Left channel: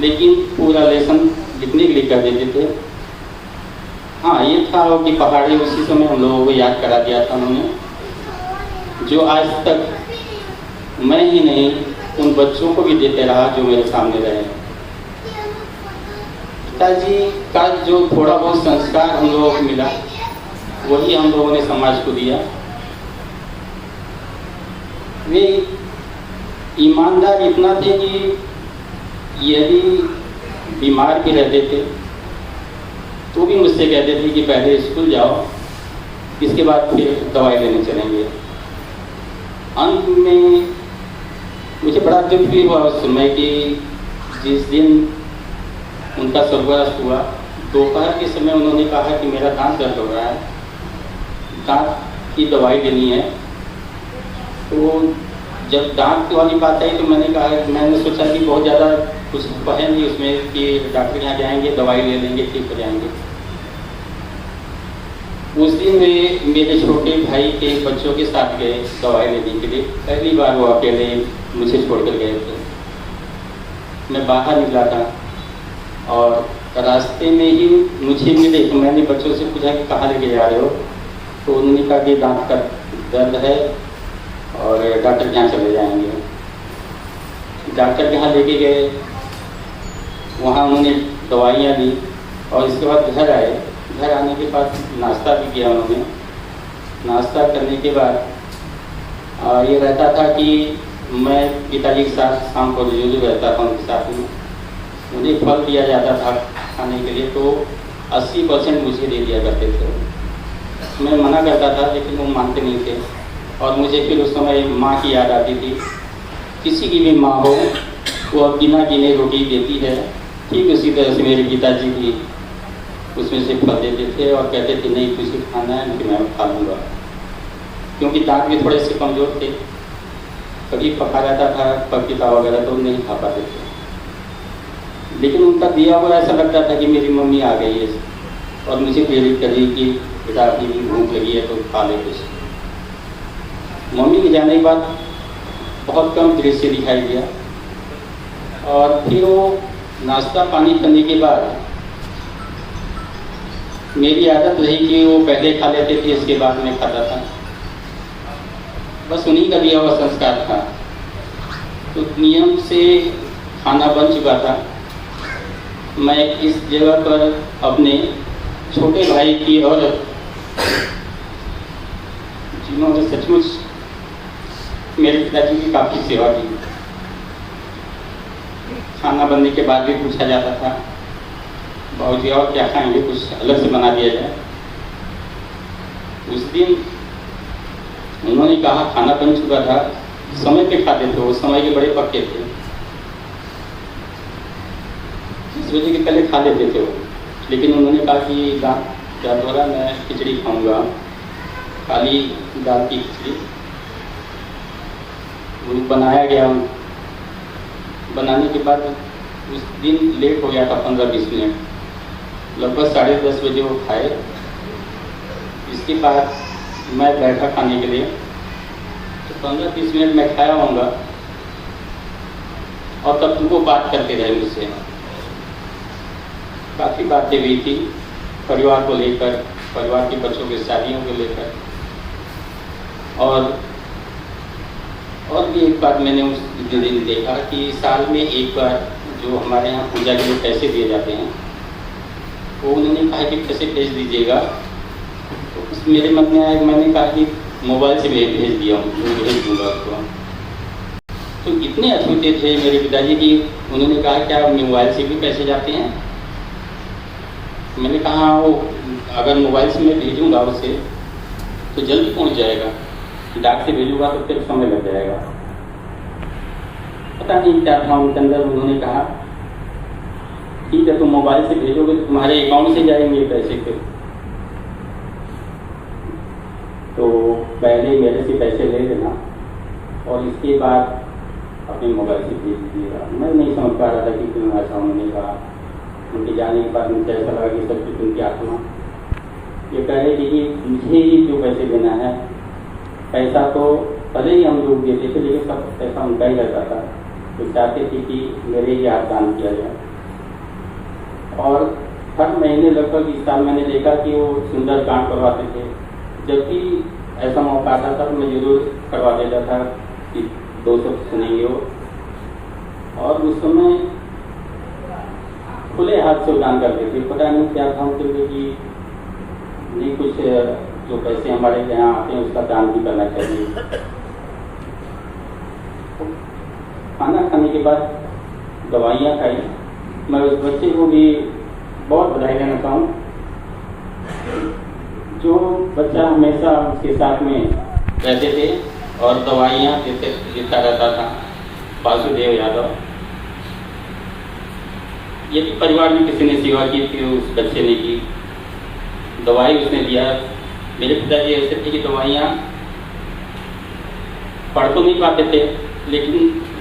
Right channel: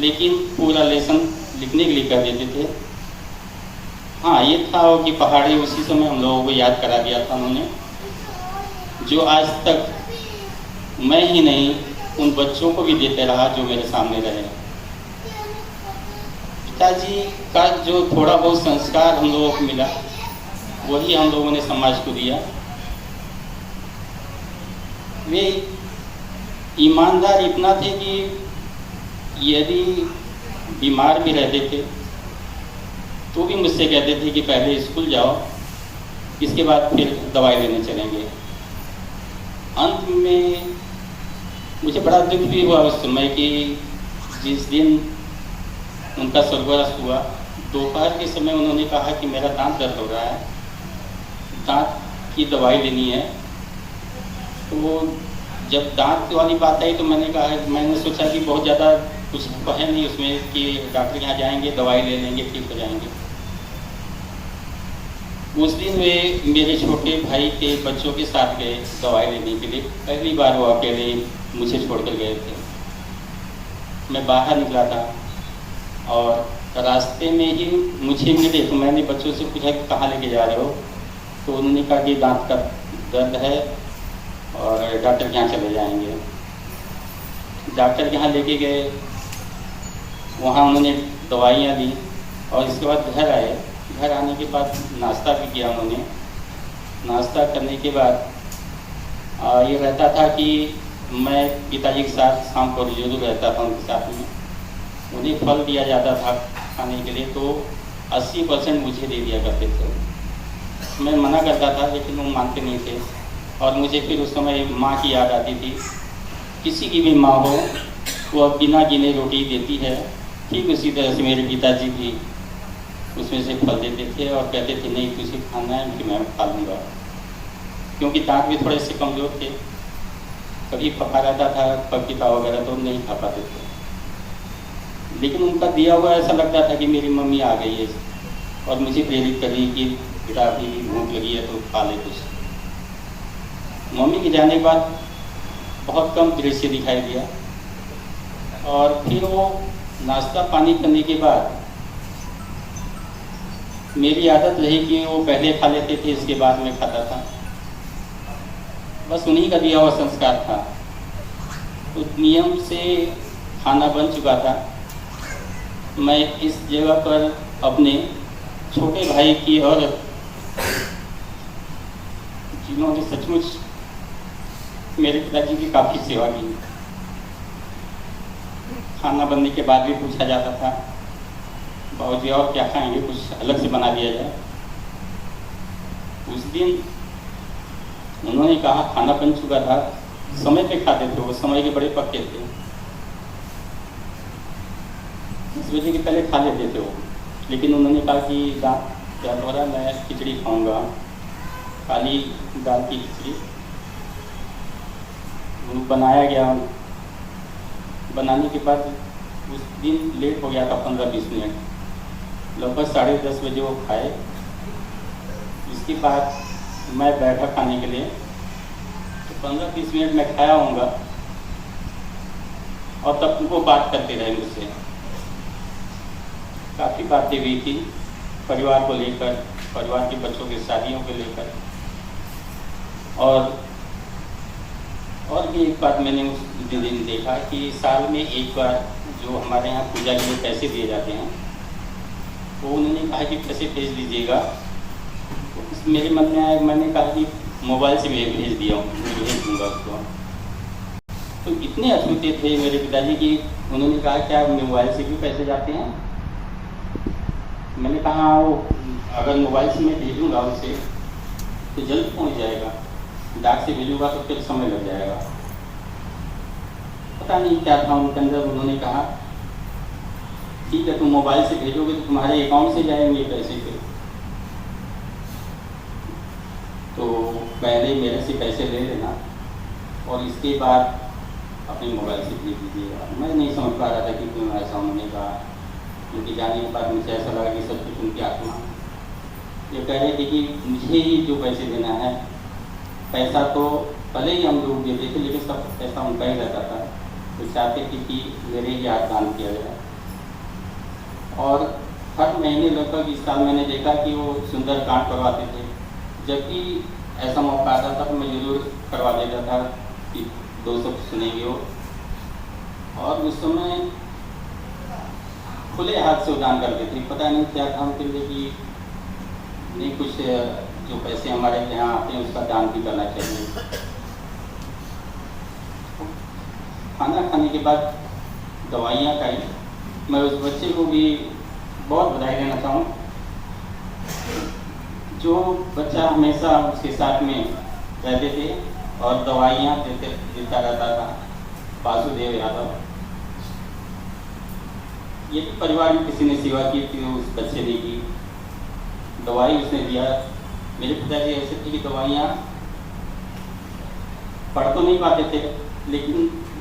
लेकिन पूरा लेसन लिखने के लिए कर देते थे। हाँ, ये था कि पहाड़ी उसी समय हम लोगों को याद करा दिया था उन्होंने, जो आज तक मैं ही नहीं उन बच्चों को भी देते रहा जो मेरे सामने रहे। पिताजी का जो थोड़ा बहुत संस्कार हम लोगों को मिला वही हम लोगों ने समाज को दिया। वे ईमानदार इतना थे कि यदि बीमार भी रहते थे तो भी मुझसे कहते थे कि पहले स्कूल जाओ, इसके बाद फिर दवाई लेने चलेंगे। अंत में मुझे बड़ा दुख भी हुआ उस समय कि जिस दिन उनका स्वर्गवास हुआ, दोपहर के समय उन्होंने कहा कि मेरा दांत दर्द हो रहा है, दांत की दवाई लेनी है। तो जब दांत वाली बात आई तो मैंने सोचा कि बहुत ज़्यादा कुछ है नहीं उसमें कि डॉक्टर के यहाँ जाएंगे, दवाई ले लेंगे, ठीक हो जाएंगे। उस दिन वे मेरे छोटे भाई के बच्चों के साथ गए दवाई लेने के लिए। पहली बार वो अकेले मुझे छोड़कर गए थे। मैं बाहर निकला था और रास्ते में ही मुझे मिले तो मैंने बच्चों से पूछा कि कहाँ लेके जा रहे हो, तो उन्होंने कहा कि दांत का दर्द है और डॉक्टर के यहाँ चले जाएंगे। डॉक्टर के यहाँ लेके गए, वहाँ उन्होंने दवाइयाँ दी और इसके बाद घर आए। घर आने के बाद नाश्ता भी किया उन्होंने। नाश्ता करने के बाद ये रहता था कि मैं पिताजी के साथ शाम को जो रहता था उनके साथ में, मुझे फल दिया जाता था खाने के लिए, तो 80% मुझे दे दिया करते थे। मैं मना करता था लेकिन वो मानते नहीं थे और मुझे फिर उस समय माँ की याद आती थी। किसी की भी माँ हो वो बिना गिने रोटी देती है, ठीक उसी तरह से मेरे पिताजी भी उसमें से फल देते थे और कहते थे नहीं तुझे खाना है कि मैं खा लूँगा, क्योंकि दांत भी थोड़े से कमज़ोर थे। कभी पका रहता था पपीता वगैरह तो नहीं खा पाते थे, लेकिन उनका दिया हुआ ऐसा लगता था कि मेरी मम्मी आ गई है और मुझे प्रेरित कर रही कि बेटा अभी भूख लगी है तो खा ले कुछ। मम्मी के जाने के बाद बहुत कम दृश्य दिखाई दिया और फिर वो नाश्ता पानी करने के बाद मेरी आदत रही कि वो पहले खा लेते थे, इसके बाद में खाता था। बस उन्हीं का दिया हुआ संस्कार था। तो नियम से खाना बन चुका था। मैं इस जगह पर अपने छोटे भाई की और जिन्होंने सचमुच मेरे पिताजी की काफ़ी सेवा की। खाना बनने के बाद भी पूछा जाता था बाबूजी और क्या खाएंगे, कुछ अलग से बना दिया जाए। उस दिन उन्होंने कहा खाना बन चुका था, समय पे खाते थे, वो समय के बड़े पक्के थे, इस वजह के पहले खा लेते थे वो। लेकिन उन्होंने कहा कि दांत दर्द हो रहा, मैं खिचड़ी खाऊंगा, काली दाल की खिचड़ी। वो बनाया गया। बनाने के बाद उस दिन लेट हो गया था 15-20 मिनट, लगभग 10:30 बजे वो खाए। इसके बाद मैं बैठा खाने के लिए, तो 15-20 मिनट मैं खाया होऊंगा और तब वो बात करते रहे मुझसे। काफ़ी बातें हुई थी परिवार को लेकर, परिवार के बच्चों की शादियों को लेकर। और भी एक बात मैंने उस दिन देखा कि साल में एक बार जो हमारे यहाँ पूजा के लिए पैसे दिए जाते हैं, वो उन्होंने कहा कि पैसे भेज दीजिएगा। तो उस मेरे मन में आया, मैंने कहा कि मोबाइल से मैं भेज दिया हूँ, भेज दूँगा आपको। तो इतने अछूते थे मेरे पिताजी की, उन्होंने कहा क्या मोबाइल से भी पैसे जाते हैं? मैंने कहा वो अगर मोबाइल से मैं भेजूँगा उसे तो जल्दी पहुँच जाएगा, डाक से भेजूँगा तो फिर समय लग जाएगा। पता नहीं क्या था उनके अंदर। उन्होंने कहा ठीक है तुम मोबाइल से भेजोगे तो तुम्हारे अकाउंट से जाएंगे पैसे फिर, तो पहले मेरे से पैसे ले लेना और इसके बाद अपने मोबाइल से भेज दीजिएगा। मैं नहीं समझ पा रहा था कि क्यों ऐसा उन्होंने कहा। उनके जाने के बाद मुझे ऐसा लगा कि सब कुछ उनकी आत्मा ये कह रहे थे कि मुझे ही जो पैसे देना है। पैसा तो पहले ही हम लोग देते थे, लेकिन सब पैसा उनका ही रहता था। तो चाहते थे कि मेरे ही हाथ दान किया जाए। और हर महीने लगभग इस साल मैंने देखा कि वो सुंदरकांड करवाते थे। जबकि ऐसा मौका आता था तो मैं जरूर करवा देता था कि 2 शब्द सुनेंगे वो। और उस समय खुले हाथ से दान करते थे। पता नहीं क्या था उनके लिए कि नहीं, कुछ जो पैसे हमारे यहाँ आते हैं उसका दान भी करना चाहिए। खाना खाने के बाद दवाइयाँ खाई। मैं उस बच्चे को भी बहुत बधाई देना चाहूँ। जो बच्चा हमेशा उसके साथ में रहते थे और दवाइयाँ देता रहता था, वासुदेव यादव। ये भी परिवार में किसी ने सेवा की थी, उस बच्चे ने की। दवाई उसने दिया। मेरे पिताजी ऐसे थे कि दवाइयाँ पढ़ तो नहीं पाते थे, लेकिन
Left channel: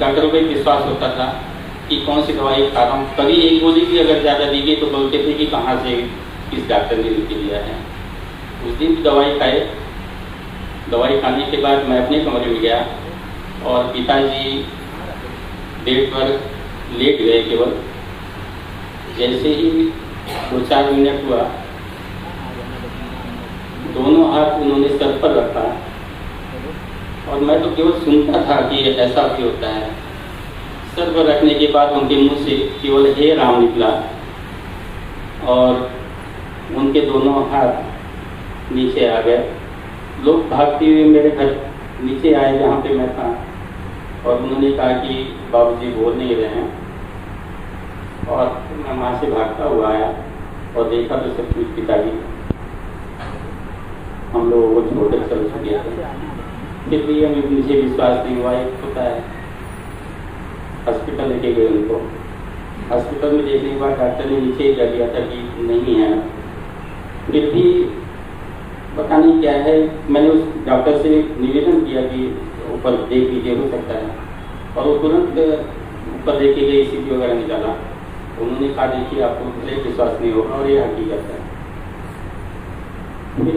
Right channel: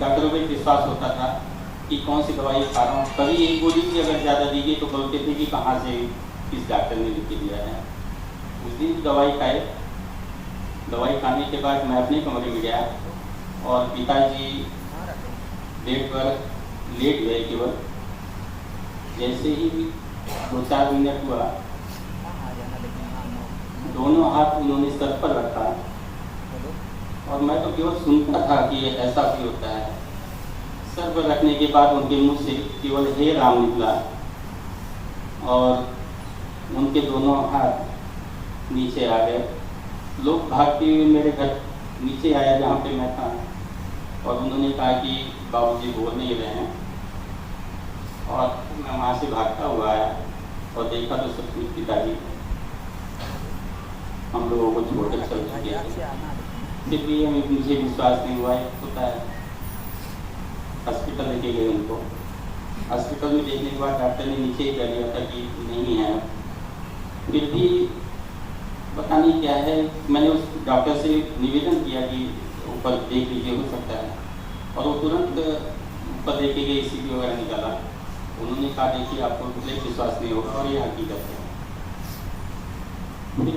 डॉक्टरों पे विश्वास होता था कि कौन सी दवाई खा रहा हूँ। कभी एक गोली भी अगर ज़्यादा दी गई तो बोलते थे कि कहाँ से किस डॉक्टर ने लिख के दिया है। उस दिन भी दवाई खाए। दवाई खाने के बाद मैं अपने कमरे में गया और पिताजी बेड पर लेट गए। केवल जैसे ही 2-4 मिनट हुआ, दोनों हाथ उन्होंने सर पर रखा और मैं तो केवल सुनता था कि ऐसा भी होता है। सर पर रखने के बाद उनके मुंह से केवल हे राम निकला और उनके दोनों हाथ नीचे आ गए। लोग भागते हुए मेरे घर नीचे आए जहाँ पे मैं था और उन्होंने कहा कि बाबूजी बोल नहीं रहे हैं। और मैं वहाँ से भागता हुआ आया और देखा तो सब कुछ पिताजी हम लोगों को छोड़कर चल चुके थे। फिर भी मुझे विश्वास नहीं हुआ। एक होता है, हॉस्पिटल लेके गए उनको। हॉस्पिटल में देखने के बाद डॉक्टर ने नीचे ही कह दिया था कि नहीं है। फिर भी पता नहीं क्या है, मैंने उस डॉक्टर से निवेदन किया कि ऊपर देख लीजिए, हो सकता है। और वो तुरंत ऊपर देख के गए, ECG वगैरह निकाला। उन्होंने कहा देखिए आपको विश्वास नहीं होगा और ये हकीकत है। फिर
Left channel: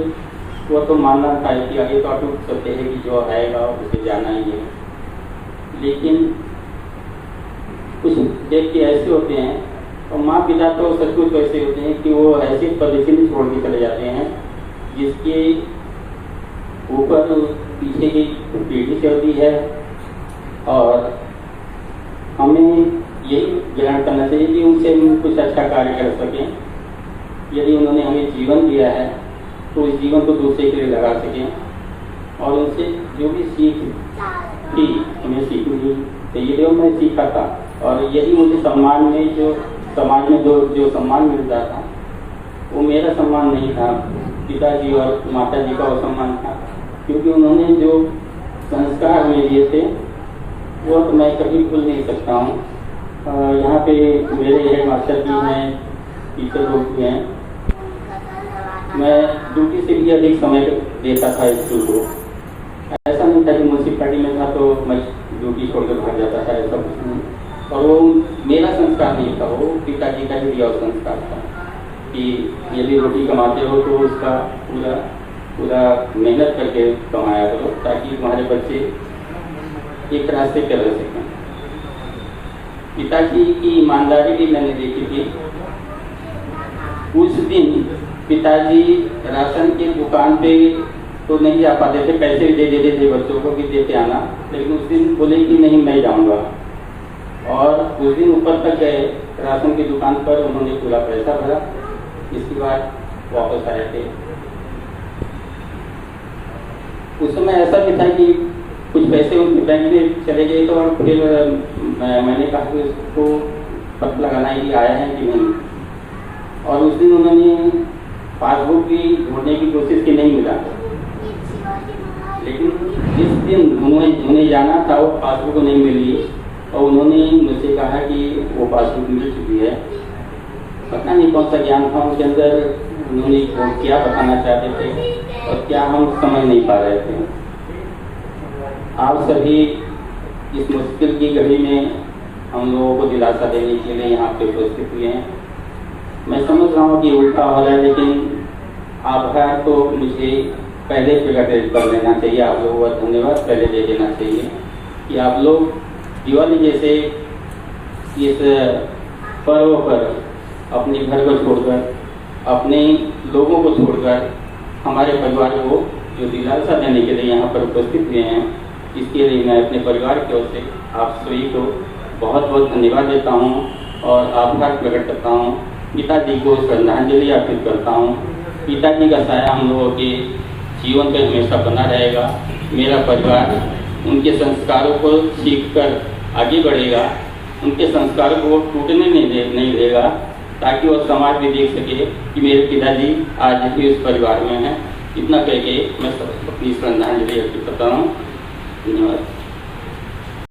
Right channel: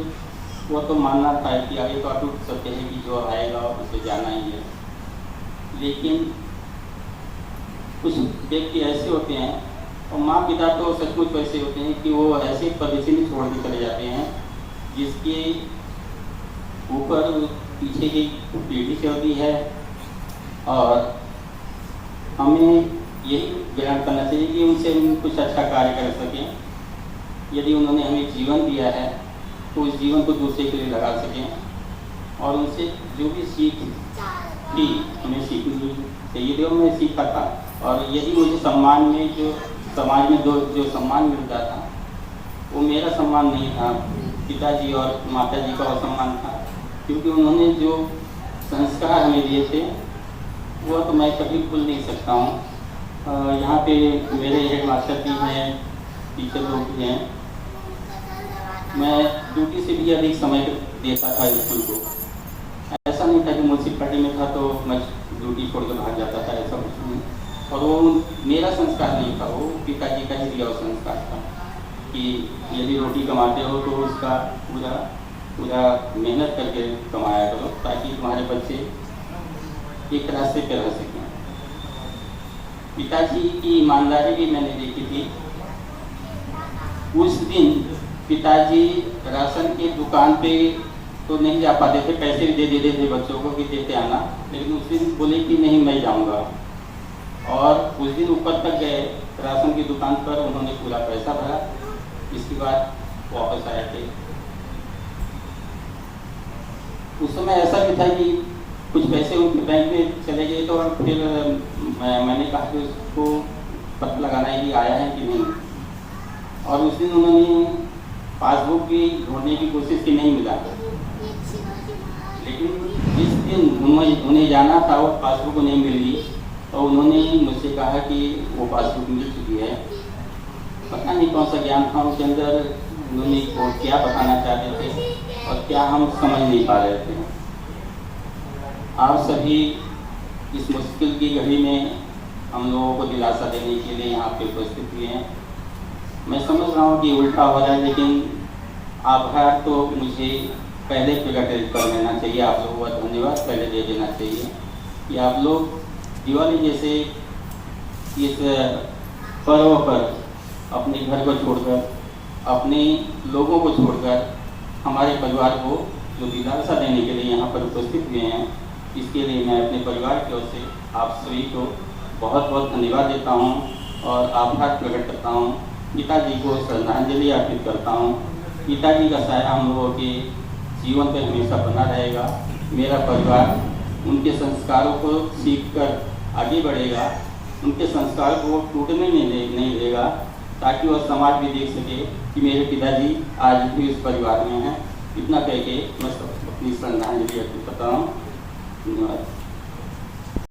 वो तो मानना था कि आगे तो अटूट सत्य है कि जो आएगा उसे जाना ही है। लेकिन कुछ व्यक्ति ऐसे होते हैं और माँ पिता तो सचमुच ऐसे होते हैं कि वो ऐसे परदेशी नहीं छोड़ के चले जाते हैं जिसके ऊपर पीछे की पीढ़ी चलती है। और हमें यही ग्रहण करना चाहिए कि उनसे हम कुछ अच्छा कार्य कर सकें। यदि उन्होंने हमें जीवन दिया है तो उस जीवन को दूसरे के लिए लगा सकें। और उनसे जो भी सीख थी हमें सीखनी चाहिए। मैं सीखा था और यही मुझे सम्मान में, जो समाज में जो सम्मान मिलता था वो मेरा सम्मान नहीं था, पिताजी और माताजी का वो सम्मान था। क्योंकि उन्होंने जो संस्कार हमें दिए थे वो तो मैं कभी भूल नहीं सकता हूँ। यहाँ पे मेरे हेड मास्टर भी हैं, टीचर लोग भी हैं। मैं ड्यूटी से भी अधिक समय देता था स्कूल को। ऐसा नहीं था कि म्यूनसिपैलिटी में था तो मैं ड्यूटी छोड़ के भाग जाता था, ऐसा कुछ नहीं। और वो मेरा संस्कार नहीं था, वो पिताजी का ही दिया हुआ संस्कार था कि यदि रोटी कमाते हो तो उसका पूरा मेहनत करके कमाया करो ताकि तुम्हारे बच्चे एक रास्ते पर रह सकें। पिताजी की ईमानदारी भी मैंने देखी थी। उस दिन पिताजी राशन की दुकान पे तो नहीं जा पाते थे, पैसे भी दे देते थे बच्चों को कि देते आना, लेकिन उस दिन बोले कि नहीं मैं जाऊंगा। और उस दिन ऊपर तक गए राशन की दुकान पर, उन्होंने पूरा पैसा भरा, इसके बाद वापस आए थे। उस समय ऐसा भी था कि कुछ पैसे उनके बैंक में चले गए तो फिर मैंने कहा कि उसको पता लगाना है कि आया है कि नहीं। और उस दिन उन्होंने पासबुक भी ढूंढने की कोशिश की, नहीं मिला। लेकिन जिस दिन उन्हें जाना था वो पासबुक नहीं मिली और उन्होंने मुझसे कहा कि वो पासबुक मिल चुकी है। पता नहीं कौन सा ज्ञान था उनके अंदर, उन्होंने क्या बताना चाहते थे और क्या हम समझ नहीं पा रहे थे। आप सभी इस मुश्किल की घड़ी में हम लोगों को दिलासा देने के लिए यहाँ पे उपस्थित हुए हैं। मैं समझ रहा हूँ कि उल्टा हो रहा है, लेकिन आभार तो मुझे पहले प्रकट कर लेना चाहिए। आप लोगों का धन्यवाद पहले दे देना चाहिए कि आप लोग दिवाली जैसे इस पर्व पर अपने घर को छोड़कर, अपने लोगों को छोड़कर हमारे परिवार को जो दिलासा देने के लिए यहाँ पर उपस्थित हुए हैं, इसके लिए मैं अपने परिवार की ओर से आप सभी को बहुत बहुत धन्यवाद देता हूँ और आभार प्रकट करता हूँ। पिताजी को श्रद्धांजलि अर्पित करता हूँ। पिताजी का साया हम लोगों के जीवन पे हमेशा बना रहेगा। मेरा परिवार उनके संस्कारों को सीखकर आगे बढ़ेगा, उनके संस्कारों को टूटने नहीं देगा, ताकि वह समाज भी देख सके कि मेरे पिताजी आज भी उस परिवार में हैं। इतना कह के मैं अपनी श्रद्धांजलि अर्पित करता हूँ। धन्यवाद।